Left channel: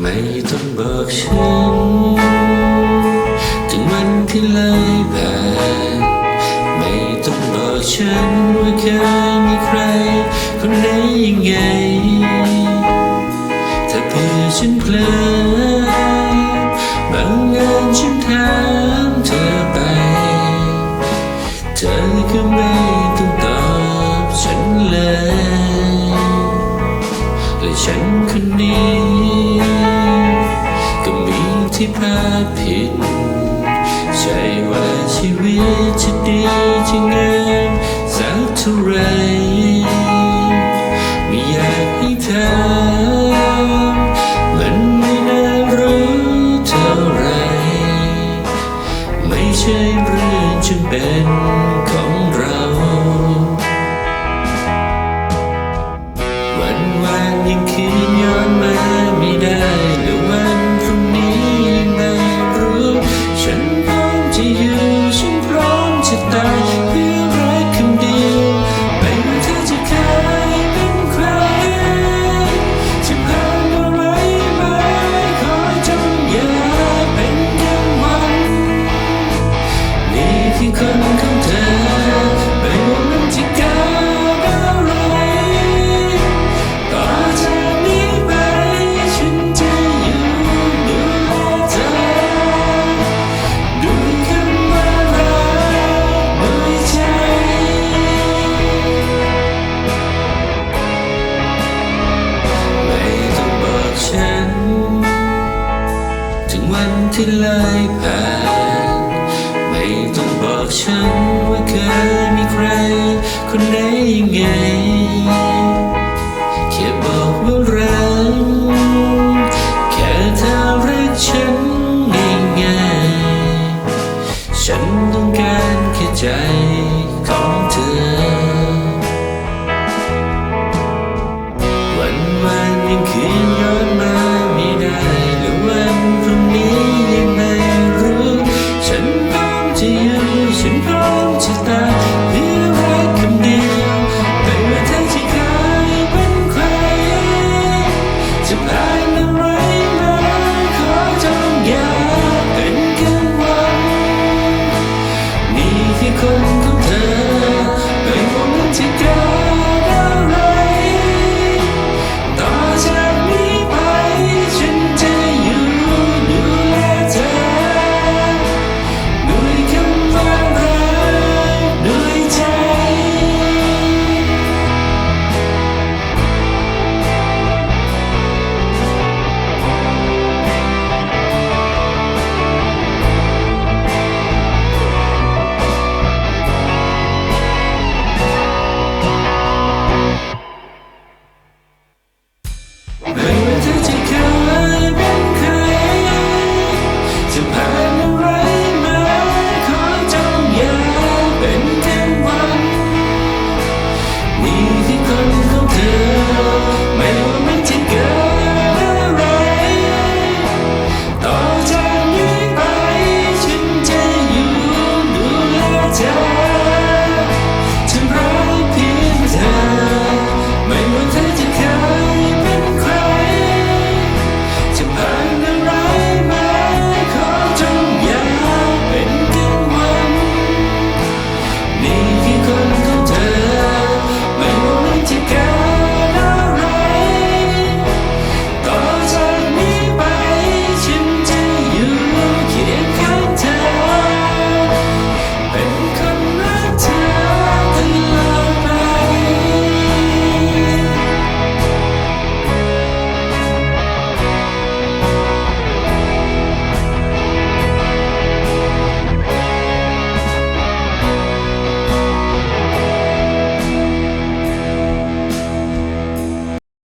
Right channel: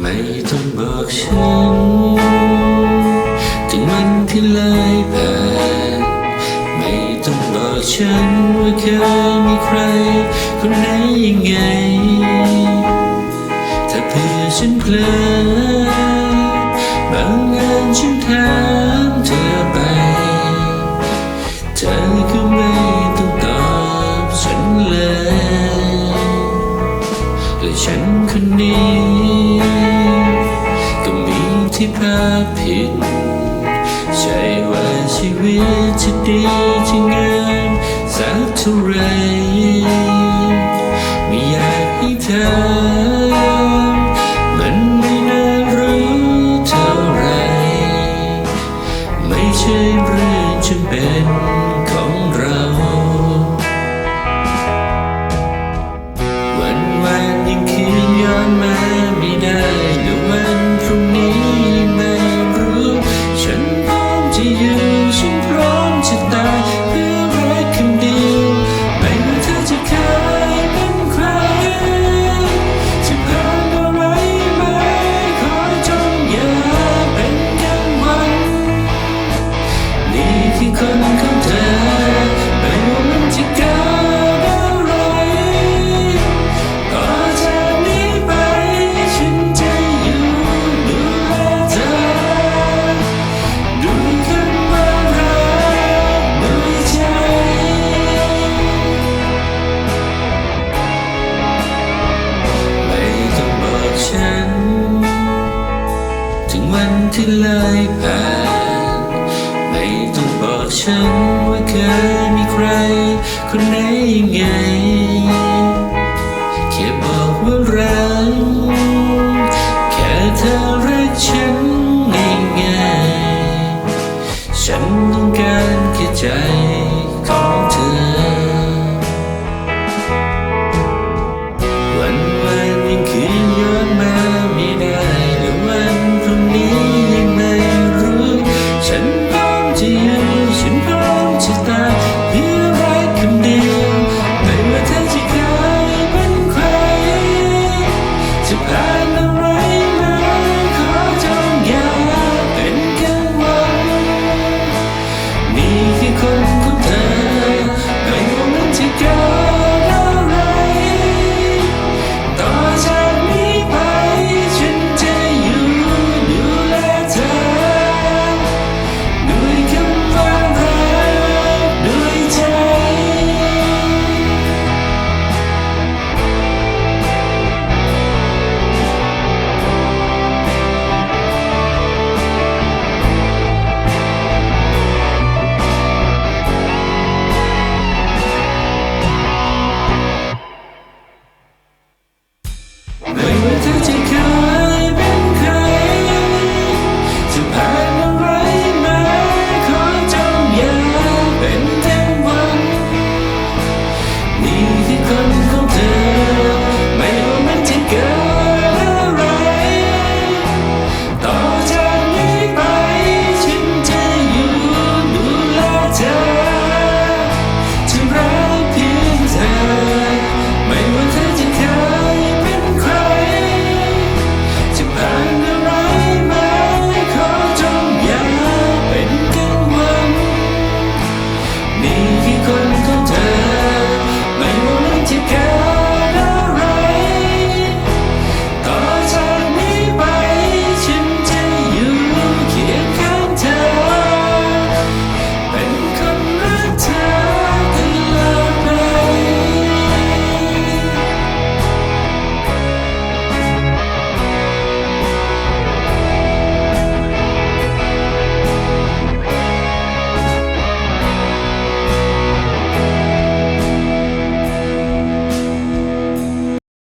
ไม่ต้องบอกฉัน ถึงมันที่เลยผ่านไม่ต้องบอกฉันว่าเคยมีใคร คนไหนยังไง จะดีจะงามสักท่ารไม่อยากให้เธอมันไม่น่ารู้เท่าไร ไม่ใช่เรื่องจะเป็น บอกฉันว่าเคยมีใคร คนไหนยังไงแค่บอกว่ารักแค่เธอรักฉันง่ายๆฉันต้องการแค่ใจ to go.